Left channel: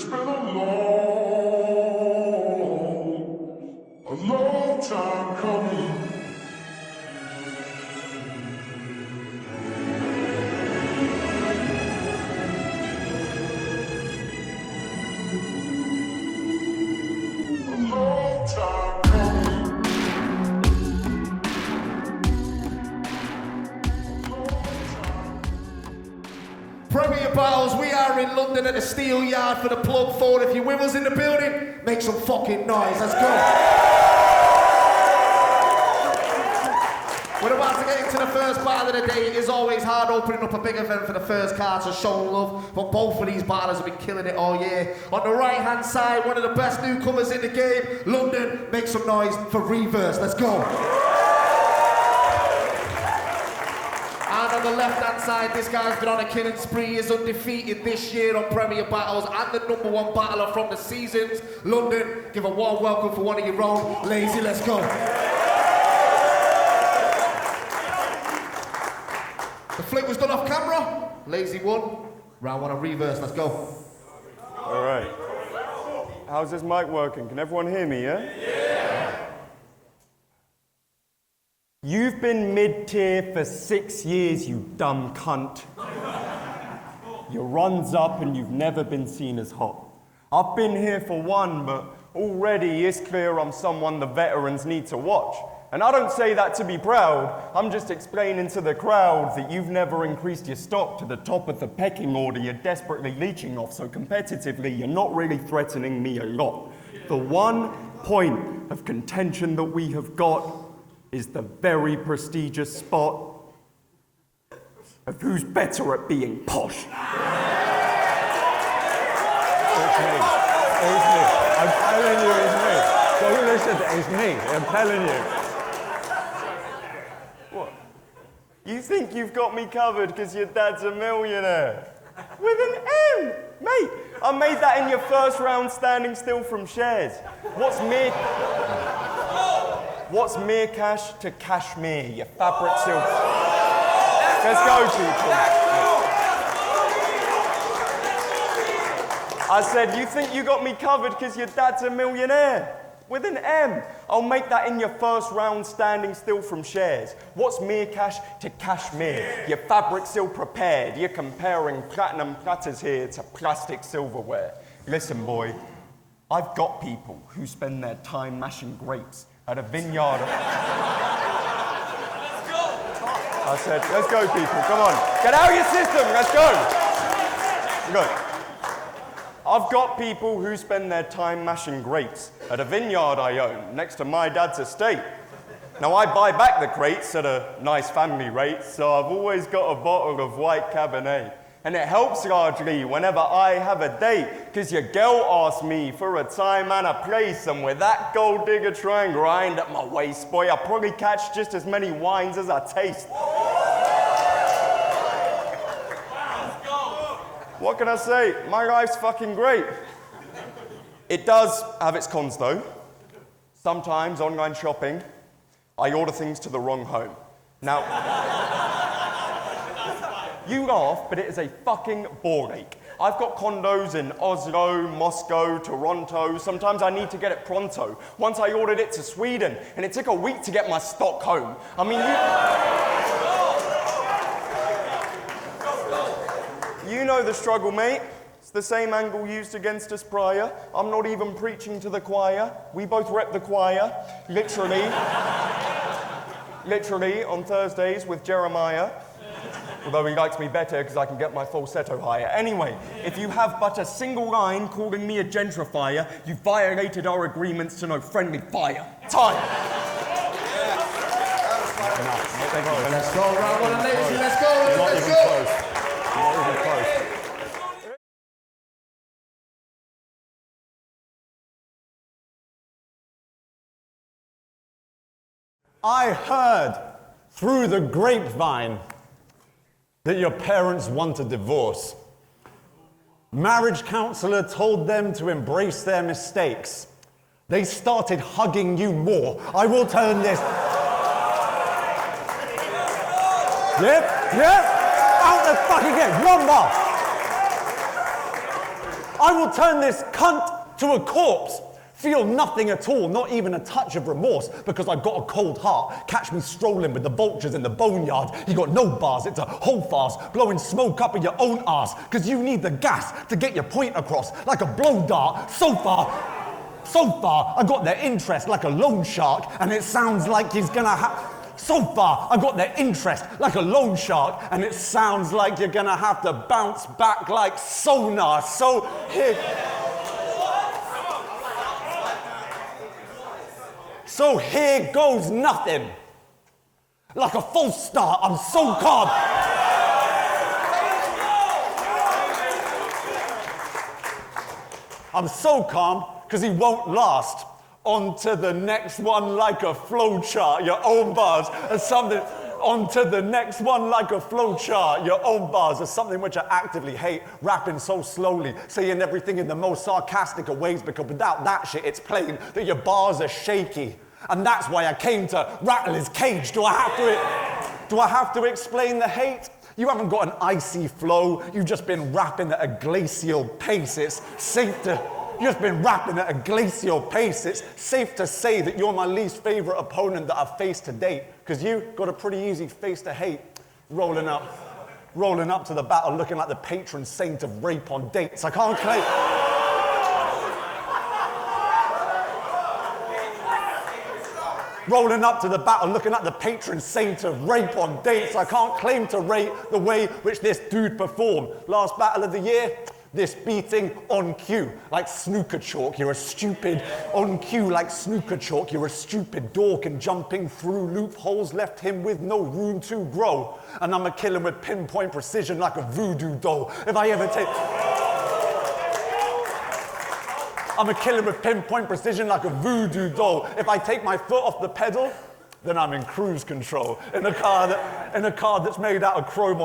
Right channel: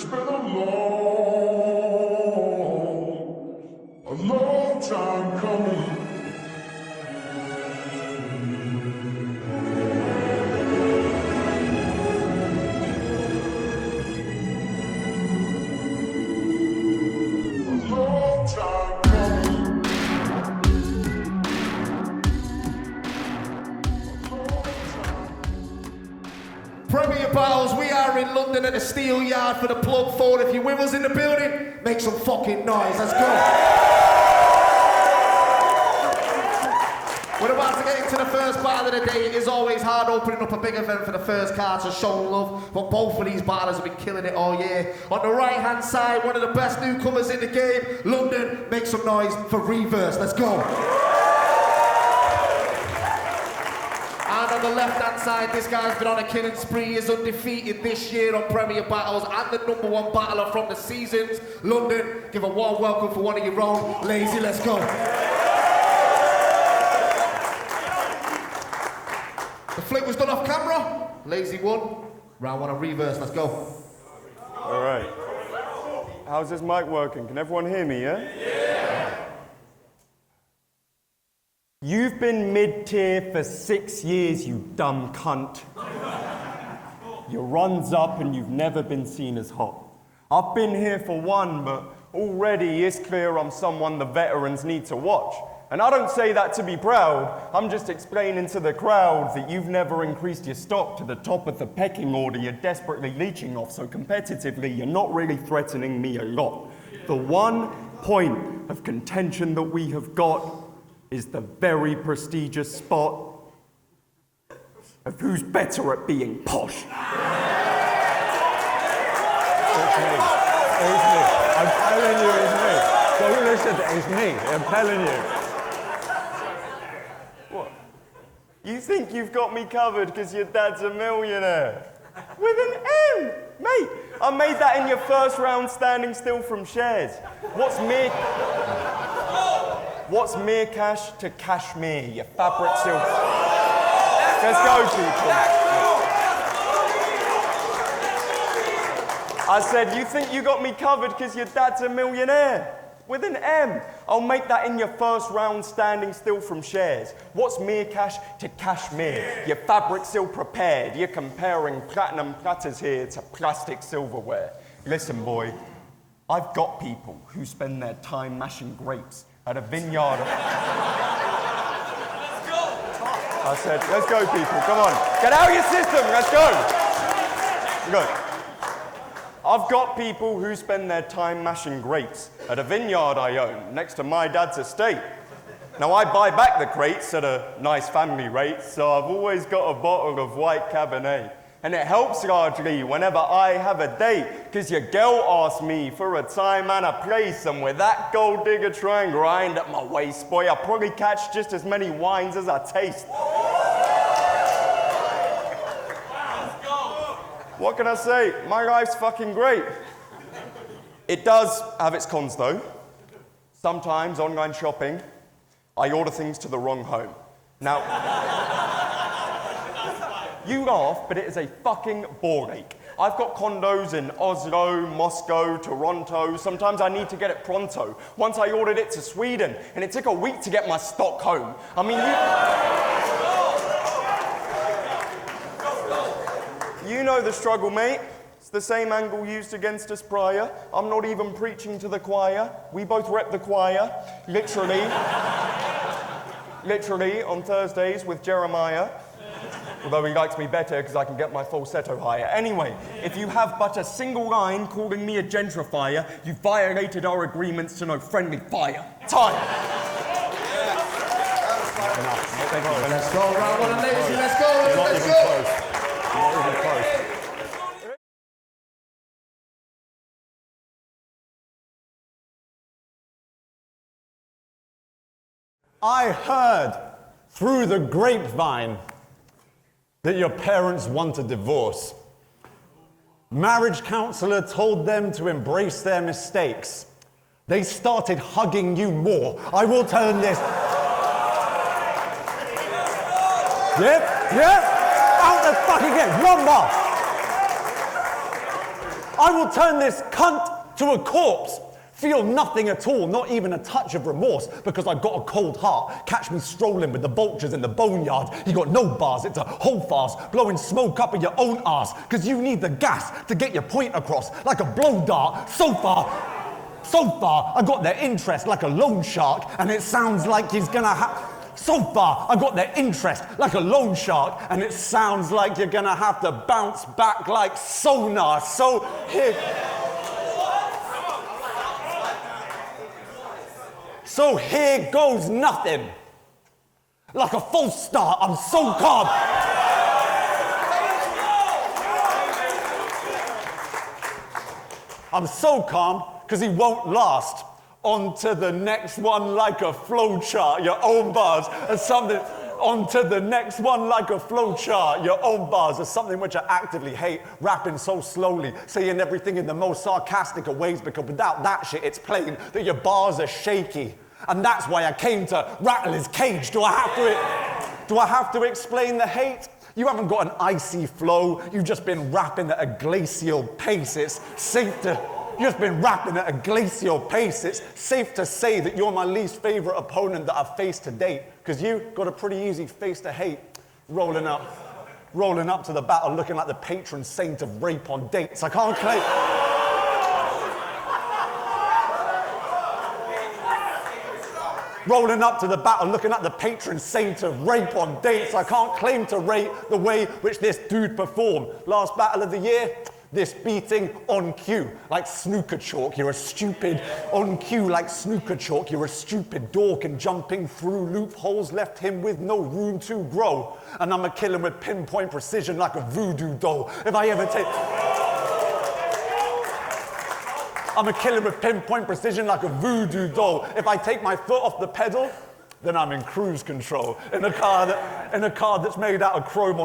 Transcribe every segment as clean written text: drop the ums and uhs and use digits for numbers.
It's been a long time coming. A long time coming. Premier Battles, we are in London at the Steel Yard for the Plug Forward. If you're with us in the building, make some fucking noise. Let's go. We're about to get into the first battle of the day. It is always hard opening up a big event for the first card to show love, but both of these battlers have been killing it all year. On the right-hand side, one of the best newcomers in the game, London. Make some noise for Reeverse. Let's go. On the left-hand side, this guy's been on a killing spree. He is undefeated this year on Premier Battles and the #1 battler from the seasons. London, give a warm welcome for one of your own. Lazy, let's go. The flip was done off camera. Lazy won. Round one of Reeverse, let's go. All right. How's this mic working? Can everyone hear me, yeah? You've been mid-tier for 6 years, you dumb cunt. Your run's up and you've never been seen as hot. I've been here for one, but already it's clear I'm someone the veterans need to watch. And I don't say that to be proud, I'm just explaining to the crowd that you've never increased your stock to the top of the pecking order you're desperately leeching off, so competitively you're not really threatening me a lot. The one point of contention that we have got is the very prestigious spot of who's better at being posh. It's me. I'm telling you it's me. Don't listen, it's me. I'm telling you. What? You think you've got me covered because your dad's a millionaire? With an M! Mate, I made that in your first round standing still from shares. What's mere cash to cashmere, you fabric silk? Let's go, people. I said, you think you got me covered because your dad's a millionaire? With an M. I'll make that in your first round standing still from shares. What's mere cash to cashmere? Your fabric silk prepared. You're comparing platinum platters here to plastic silverware. Listen, boy, I've got people who spend their time mashing grapes at a vineyard. I said, let's go, people, come on. Get out of your system, let's go. Look, I've got people who spend their time mashing grapes at a vineyard I own next to my dad's estate. Now, I buy back the crates at a nice family rate, so I've always got a bottle of white Cabernet. And it helps largely whenever I have a date, because your girl asks me for a time and a place, and with that gold digger trying grind at my waist, boy, I probably catch just as many wines as I taste. What can I say? My life's fucking great. It does have its cons though. Sometimes online shopping, I order things to the wrong home. Now, you laugh, but it is a fucking ball ache. I've got condos in Oslo, Moscow, Toronto. Sometimes I need to get it pronto. Once I ordered it to Sweden, and it took a week to get my stock home. I mean, you know the struggle, mate. It's the same angle used against us prior. I'm not even preaching to the choir. We both rep the choir, literally on Thursdays with Jeremiah. Although he likes me better because I can get my falsetto higher. Anyway, if you have but a single line calling me a gentrifier, you violated our agreements to no friendly fire. Time! Let's go, round one, Lazy, let's go, let's go. I heard through the grapevine that your parents want a divorce. Marriage counselor told them to embrace their mistakes. They started hugging you more. I will tell them this. Yep, out the fucking game. One more. I will turn this cunt to a corpse. Feel nothing at all, not even a touch of remorse, because I got a cold heart. Catch me strolling with the vultures in the boneyard. You got no bars, it's a hold fast, blowing smoke up in your own arse, because you need the gas to get your point across, like a blow dart. So far, I got their interest like a loan shark, and it sounds like he's gonna have... So far, I got their interest like a loan shark, and it sounds like you're gonna have to bounce back like sonar. So here... So here goes nothing. Like a false start, I'm so calm. I'm so calm, because he won't last. On to the next one like a flowchart, your own bars are something. On to the next one like a flowchart, your own bars are something which I actively hate. Rapping so slowly, saying everything in the most sarcastic of ways, because without that shit, it's plain that your bars are shaky. And that's why I came to rattle his cage. Do I have to explain the hate? You haven't got an icy flow, you've just been rapping at a glacial pace. It's safe to... You've just been rapping at a glacial pace. It's safe to say that you're my least favorite opponent that I've faced to date, because you got a pretty easy face to hate. Rolling up to the battle looking like the patron saint of rape on dates. I can't claim... Rolling up to the battle looking like the patron saint of rape on dates. I can't claim to rate the way which this dude performed. Last battle of the year, this beating on cue, like snooker chalk, you're a stupid, on cue like snooker chalk, you're a stupid dork, and jumping through loopholes left him with no room to grow. And I'm a killer with pinpoint precision like a voodoo doll. If I ever take... I'm a killer with pinpoint precision like a voodoo doll. If I take my foot off the pedal, then I'm in cruise control. In a car that's made out of chrome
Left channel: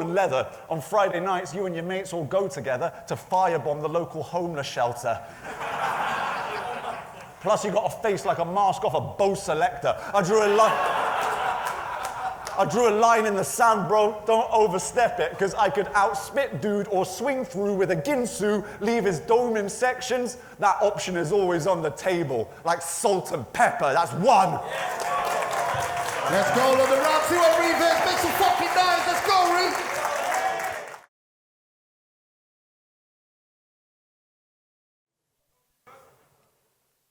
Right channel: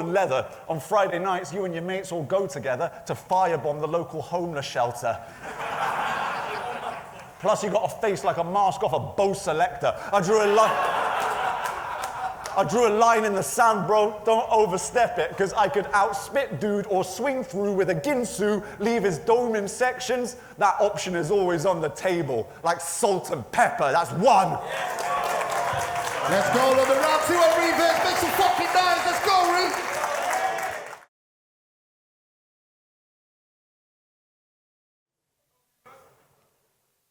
and leather. On Friday nights, you and your mates all go together to firebomb the local homeless shelter. Plus, you got a face like a mask off a Bose selector. I drew a line in the sand, bro. Don't overstep it, because I could outspit dude or swing through with a ginsu, leave his dome in sections. That option is always on the table, like salt and pepper. That's one. Let's go on the round two on Reeverse. Make some fucking noise. Let's go, Reeves.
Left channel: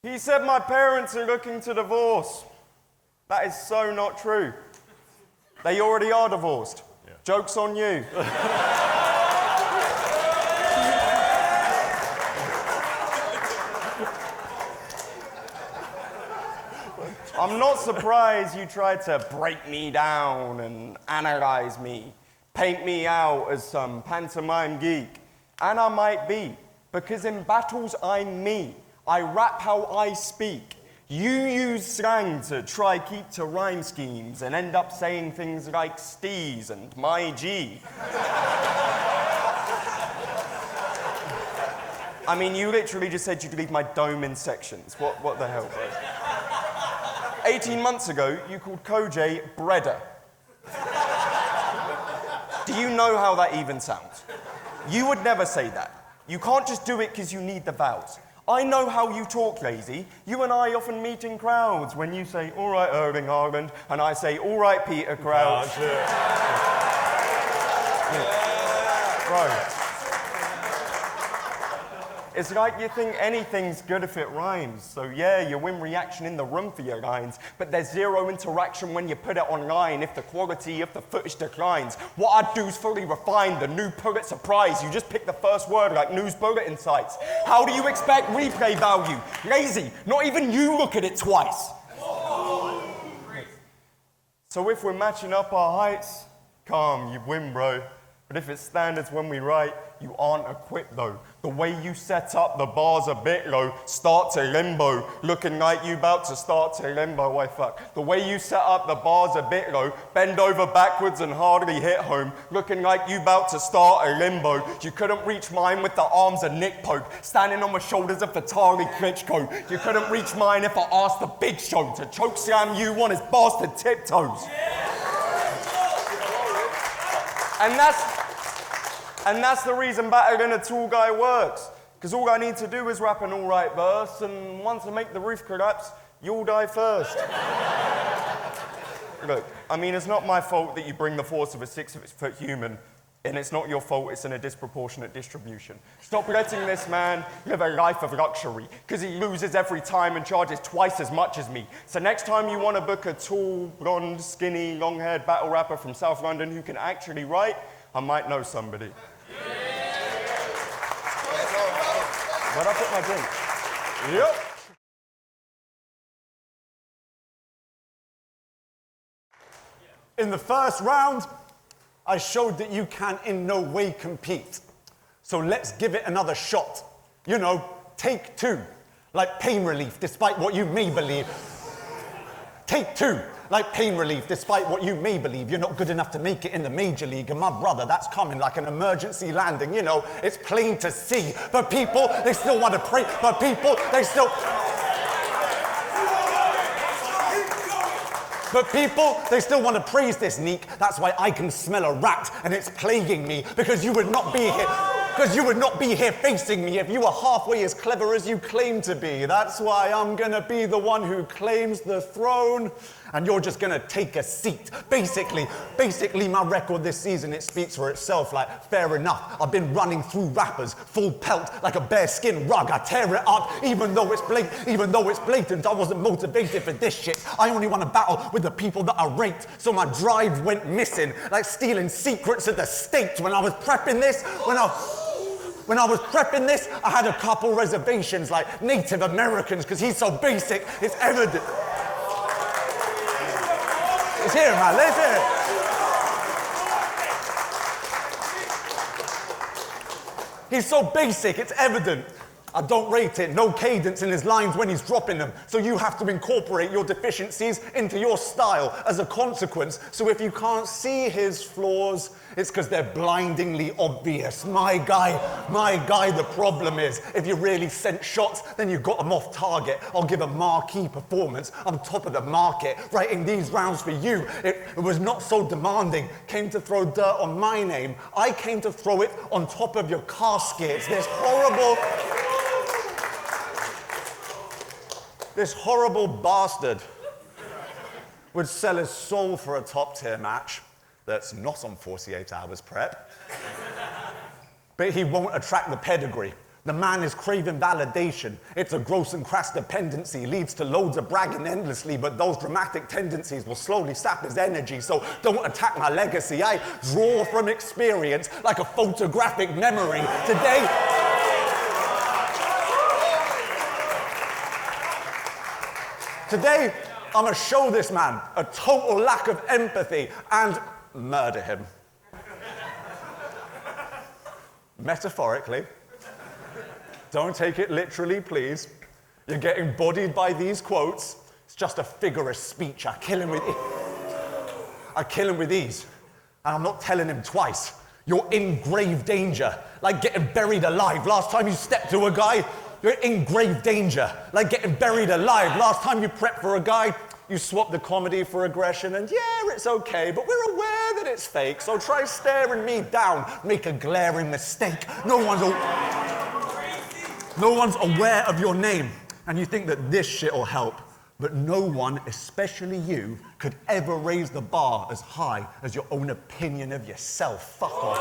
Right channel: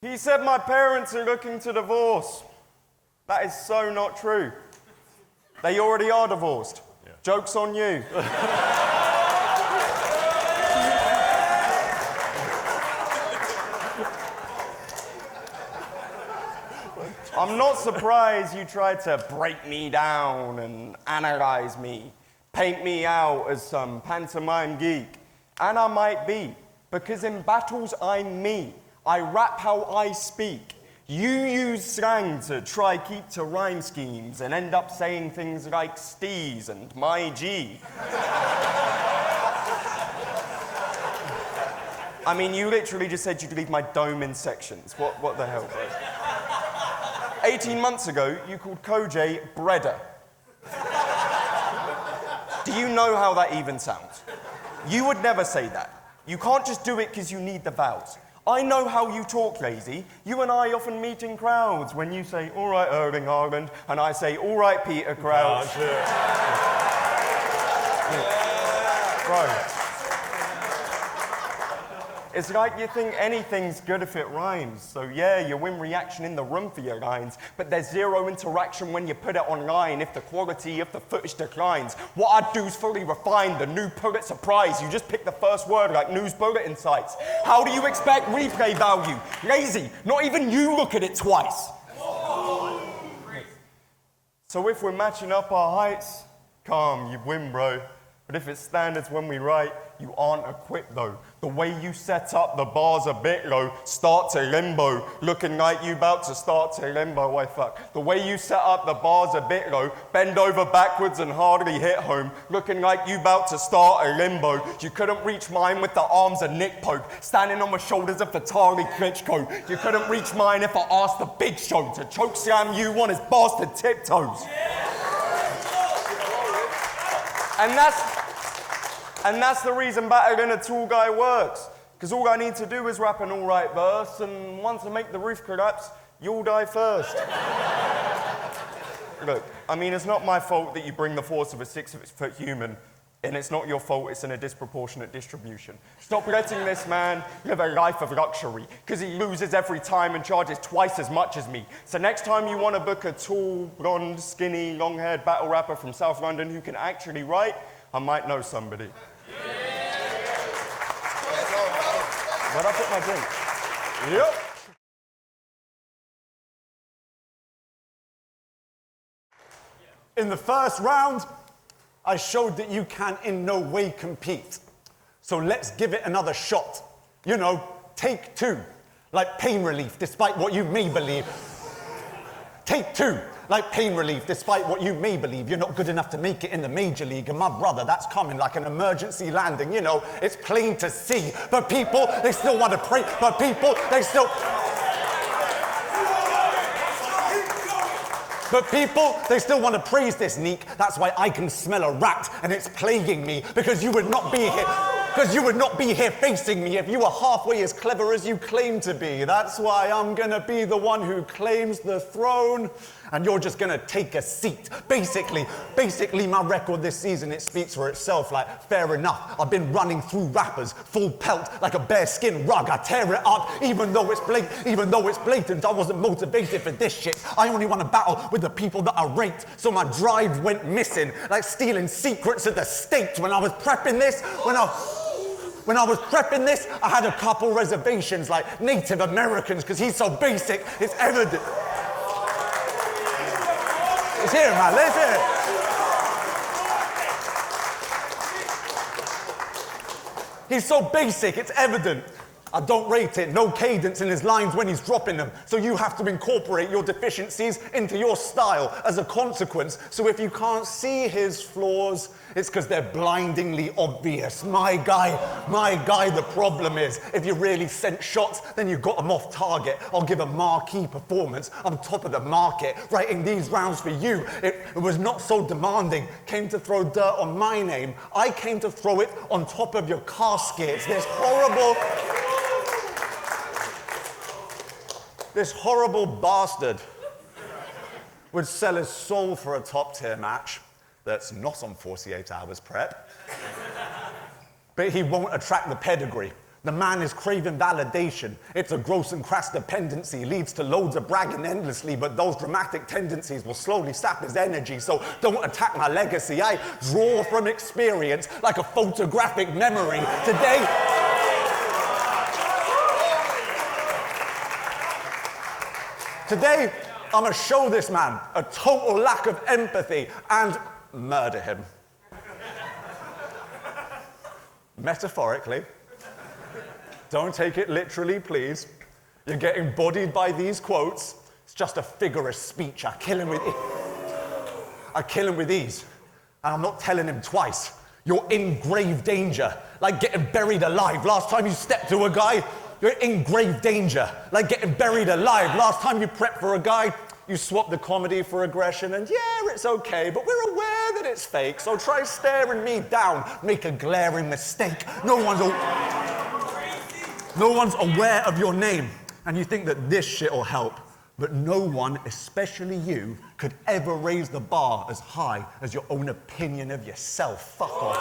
He said my parents are looking to divorce. That is so not true. They already are divorced. Yeah. Joke's on you. I'm not surprised you tried to break me down and analyze me, paint me out as some pantomime geek. And I might be, because in battles I'm me. I rap how I speak. You use slang to try keep to rhyme schemes and end up saying things like steez and my G. I mean, you literally just said you'd leave my dome in sections. What the hell? 18 months ago, you called Koj Bredder. Do you know how that even sounds? You would never say that. You can't just do it because you need the vowels. I know how you talk, Lazy. You and I often meet in crowds when you say, all right, Erling Haaland, and I say, all right, Peter Crouch. Right. It's like you think anything's good if it rhymes. So yeah, you win reaction in the room for your lines, but there's zero interaction when you put it online if the quality of the footage declines. What I do is fully refined, the new Pulitzer Prize. You just pick the first word like news bulletin sites. How do you expect replay value? Lazy, not even you look at it twice. So if we're matching up our heights, calm, you win, bro. But if it's standards when we write, you aren't equipped though. The way you set up the bars a bit low, start to limbo, looking like you about to start to limbo, why fuck. The way you set up the bars a bit low, bend over backwards and hardly hit home, looking like you about to start a limbo. You couldn't reach mine with the arms of Nick Pope, standing on my shoulders of Vitaly Klitschko. You couldn't reach mine if I asked the Big Show to choke slam you on his bastard tiptoes. And that's the reason battling a tall guy works. Because all I need to do is rap an alright verse, and once I make the roof collapse, you'll die first. Look, I mean, it's not my fault that you bring the force of a 6-foot human, and it's not your fault it's in a disproportionate distribution. Stop letting this man live a life of luxury, because he loses every time and charges twice as much as me. So next time you want to book a tall, blonde, skinny, long-haired battle rapper from South London who can actually write, I might know somebody. Where'd I put my drink? Yep. In the first round, I showed that you can in no way compete. So let's give it another shot. You know, take two, like pain relief, despite what you may believe. Take two, like pain relief, despite what you may believe. You're not good enough to make it in the major league, and my brother, that's coming like an emergency landing. You know, it's plain to see. But people, they still want to pray. But people, they still... But people, they still want to praise this Neek. That's why I can smell a rat and it's plaguing me, because you would not be here. Because you would not be here facing me if you were halfway as clever as you claim to be. That's why I'm gonna be the one who claims the throne, and you're just gonna take a seat. Basically, my record this season, it speaks for itself. Like, fair enough, I've been running through rappers, full pelt, like a bearskin rug. I tear it up, even though it's blatant. I wasn't motivated for this shit. I only want to battle with the people that I rate. So my drive went missing, like stealing secrets of the state. When I was prepping this, I had a couple reservations, like Native Americans, because he's so basic, it's evident. Let's hear it, man, let's hear it. He's so basic, it's evident. I don't rate it, no cadence in his lines when he's dropping them. So you have to incorporate your deficiencies into your style as a consequence. So if you can't see his flaws, it's because they're blindingly obvious. My guy, the problem is, if you really sent shots, then you got them off target. I'll give a marquee performance. I'm top of the market. Writing these rounds for you, it was not so demanding. Came to throw dirt on my name. I came to throw it on top of your caskets. This horrible bastard would sell his soul for a top-tier match that's not on 48 hours prep. But he won't attract the pedigree. The man is craving validation. It's a gross and crass dependency, leads to loads of bragging endlessly, but those dramatic tendencies will slowly sap his energy, so don't attack my legacy. I draw from experience like a photographic memory. Today, I'm gonna show this man a total lack of empathy and murder him. Metaphorically. Don't take it literally, please. You're getting bodied by these quotes. It's just a figure of speech. I kill him with ease. And I'm not telling him twice. You're in grave danger, like getting buried alive. Last time you stepped to a guy, you're in grave danger, like getting buried alive. Last time you prepped for a guy, you swapped the comedy for aggression, and yeah, it's okay, but we're aware that it's fake, so try staring me down, make a glaring mistake. No one's aware of your name, and you think that this shit will help, but no one, especially you, could ever raise the bar as high as your own opinion of yourself. Fuck off,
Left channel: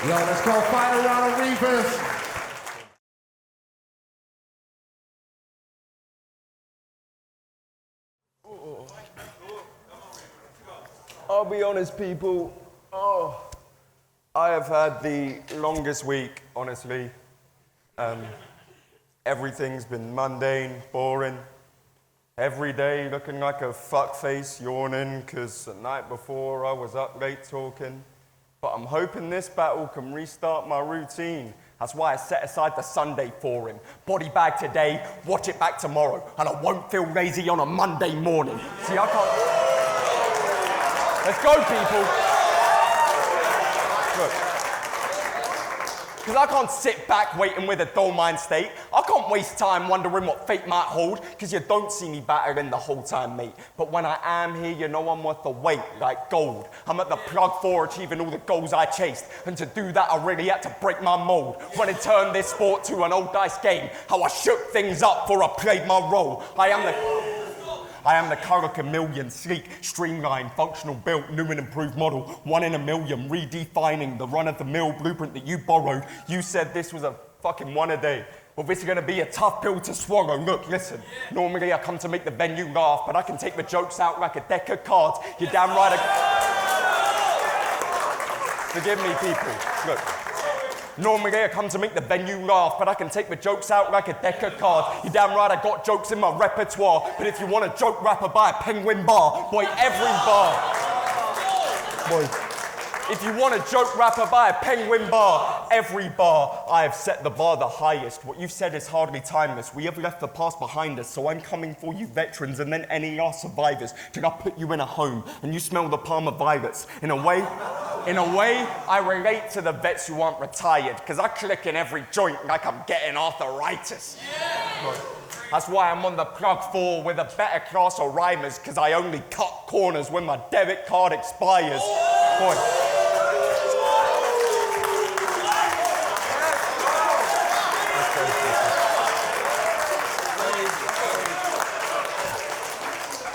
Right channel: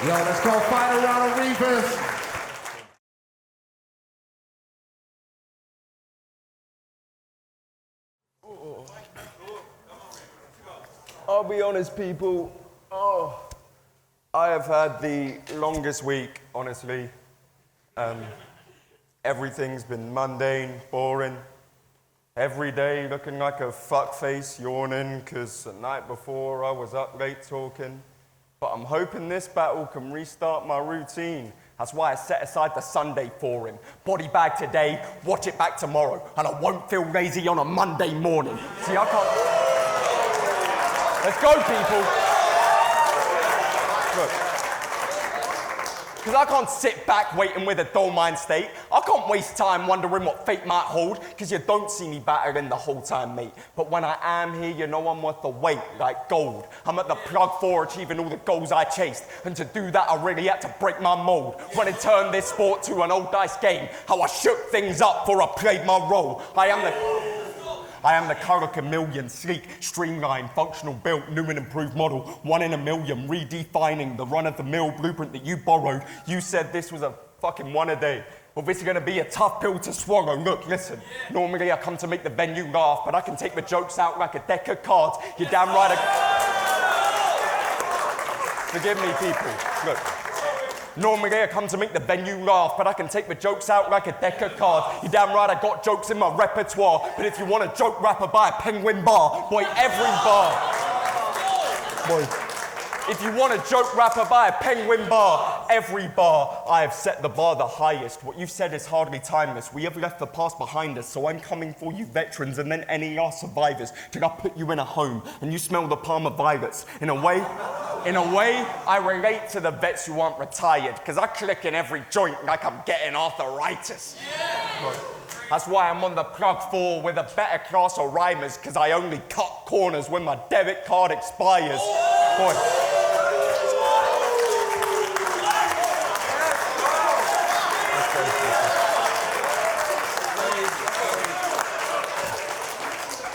Yo, let's go final round of Reeverse. I'll be honest, people. I have had the longest week, honestly. Everything's been mundane, boring. Every day looking like a fuckface, yawning, because the night before I was up late talking. But I'm hoping this battle can restart my routine. That's why I set aside the Sunday for him. Body bag today, watch it back tomorrow, and I won't feel lazy on a Monday morning. See, I can't... Let's go, people. Look. Because I can't sit back waiting with a dull mind state. I can't can't waste time wondering what fate might hold, cause you don't see me battering the whole time, mate. But when I am here, you know I'm worth the weight, like gold. I'm at the plug for achieving all the goals I chased, and to do that I really had to break my mold. When it turned this sport to an old dice game, how I shook things up before I played my role. I am the color chameleon, sleek, streamlined, functional built, new and improved model, 1 in a million, redefining the run-of-the-mill blueprint that you borrowed. You said this was a fucking one a day. Well, this is gonna be a tough pill to swallow. Look, listen, normally I come to make the venue laugh, but I can take the jokes out like a deck of cards. You're damn right. Forgive me, people. Look. Normally I come to make the venue laugh, but I can take the jokes out like a deck of cards. You damn right I got jokes in my repertoire, but if you want a joke rapper, buy a penguin bar. Boy, every bar. Boy, if you want a joke rapper, buy a penguin bar. Every bar, I have set the bar the highest. What you've said is hardly timeless. We have left the past behind us, so I'm coming for you veterans and then any of our survivors. Till I put you in a home and you smell the Palmer violets. In a way, I relate to the vets who aren't retired, because I click in every joint like I'm getting arthritis. Yeah. That's why I'm on the plug for with a better class of rhymers, because I only cut corners when my debit card expires. Boy.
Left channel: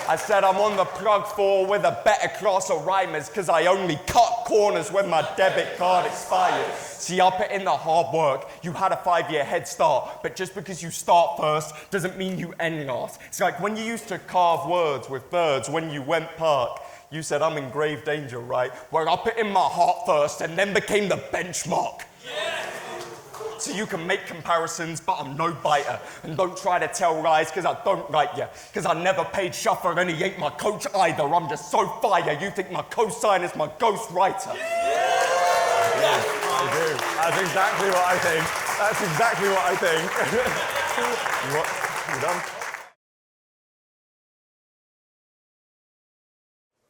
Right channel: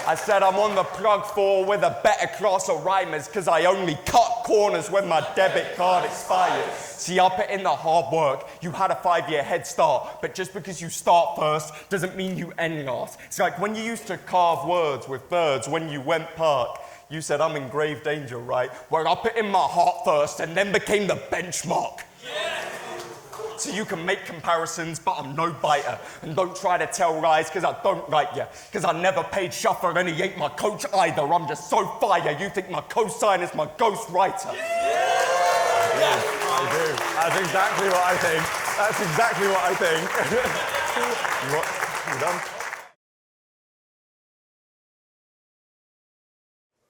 I said I'm on the plug for with a better class of rhymers, because I only cut corners when my debit card expires. See, I put in the hard work. You had a 5-year head start, but just because you start first doesn't mean you end last. It's like when you used to carve words with birds when you went park. You said I'm in grave danger, right? Well, I put in my heart first and then became the benchmark. Yeah. So you can make comparisons, but I'm no biter. And don't try to tell lies, because I don't like you. Because I never paid Shuffer and he ain't my coach either. I'm just so fire, you think my cosign is my ghost writer. Yeah, I do. That's exactly what I think. That's exactly what I think. What? You done?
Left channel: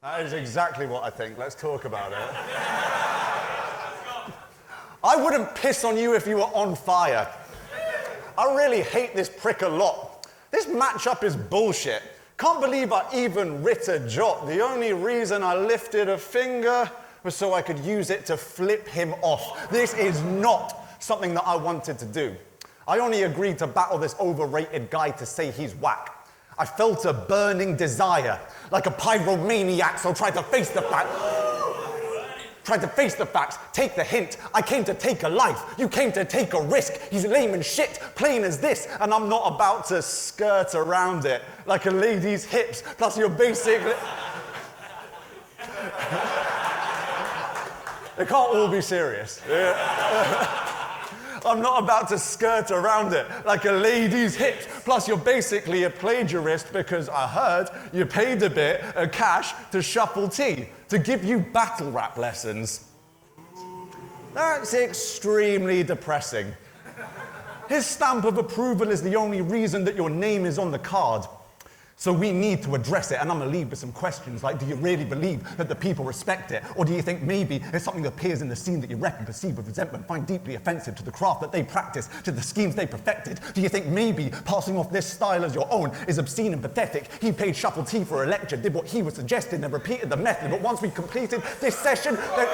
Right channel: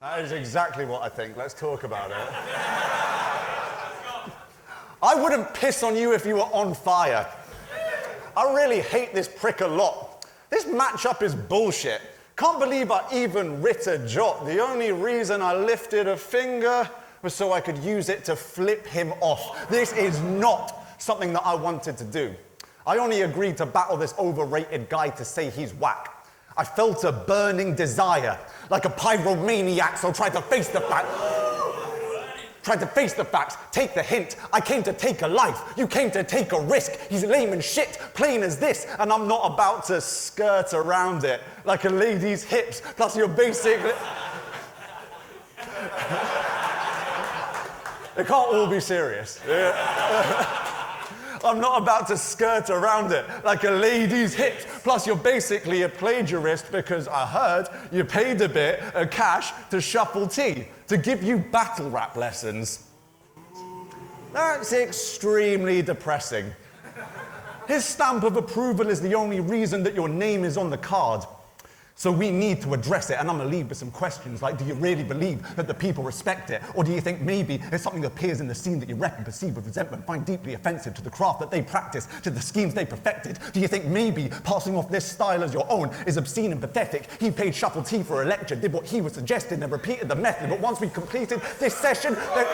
That is exactly what I think. Let's talk about it. I wouldn't piss on you if you were on fire. I really hate this prick a lot. This matchup is bullshit. Can't believe I even writ a jot. The only reason I lifted a finger was so I could use it to flip him off. This is not something that I wanted to do. I only agreed to battle this overrated guy to say he's whack. I felt a burning desire, like a pyromaniac, so tried to face the fact. Tried to face the facts, take the hint. I came to take a life, you came to take a risk. He's lame and shit, plain as this, and I'm not about to skirt around it like a lady's hips, plus your basic... It can't all be serious. I'm not about to skirt around it like a lady's hips. Plus, you're basically a plagiarist because I heard you paid a bit of cash to Shuffle T to give you battle rap lessons. That's extremely depressing. His stamp of approval is the only reason that your name is on the card. So we need to address it, and I'm gonna leave with some questions like, do you really believe that the people respect it? Or do you think maybe it's something that appears in the scene that you reckon, perceive with resentment, find deeply offensive to the craft that they practice, to the schemes they perfected? Do you think maybe passing off this style as your own is obscene and pathetic? He paid Shuffle T for a lecture, did what he was suggested, and repeated the method, but once we completed this session, then...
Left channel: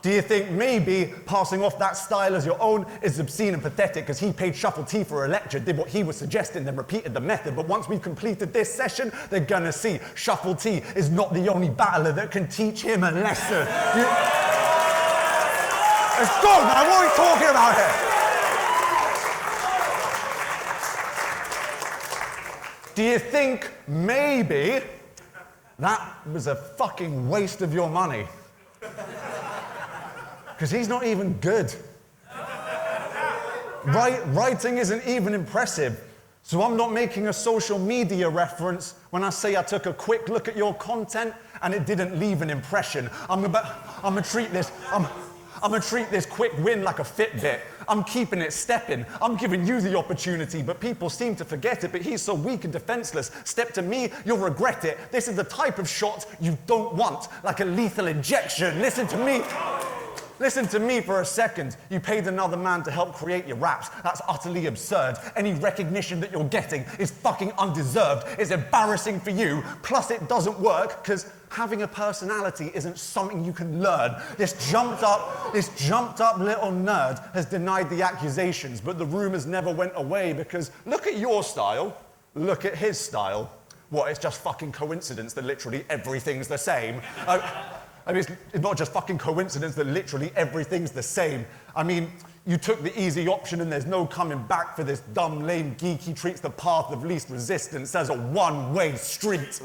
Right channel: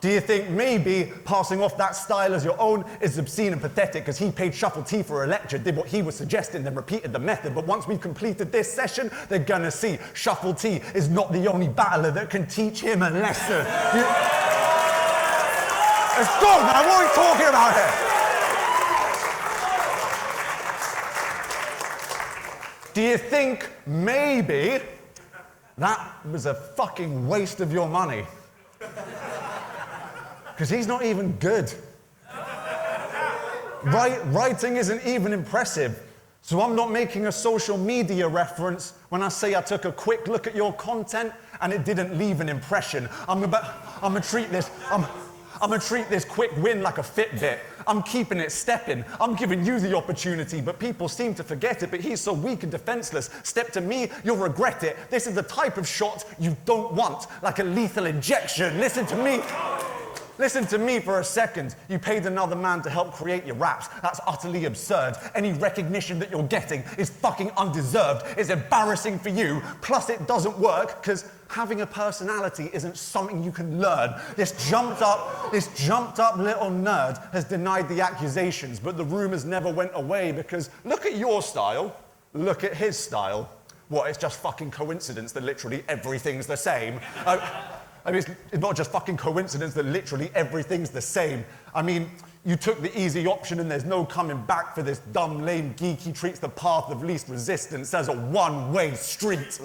Do you think maybe passing off that style as your own is obscene and pathetic because he paid Shuffle T for a lecture, did what he was suggesting, then repeated the method, but once we've completed this session, they're gonna see Shuffle T is not the only battler that can teach him a lesson. It's good, man, what are we talking about here? Do you think maybe that was a fucking waste of your money? Because he's not even good. Writing isn't even impressive. So I'm not making a social media reference when I say I took a quick look at your content and it didn't leave an impression. I'm gonna treat this quick win like a Fitbit. I'm keeping it stepping. I'm giving you the opportunity, but people seem to forget it. But he's so weak and defenseless. Step to me, you'll regret it. This is the type of shot you don't want, like a lethal injection. Listen to me. Listen to me for a second. You paid another man to help create your raps. That's utterly absurd. Any recognition that you're getting is fucking undeserved. It's embarrassing for you. Plus, it doesn't work because having a personality isn't something you can learn. This jumped up little nerd has denied the accusations, but the rumors never went away because look at your style. Look at his style. What, it's just fucking coincidence that literally everything's the same? I mean, it's not just fucking coincidence that literally everything's the same. I mean, you took the easy option and there's no coming back for this dumb, lame geek. He treats the path of least resistance as a one-way street.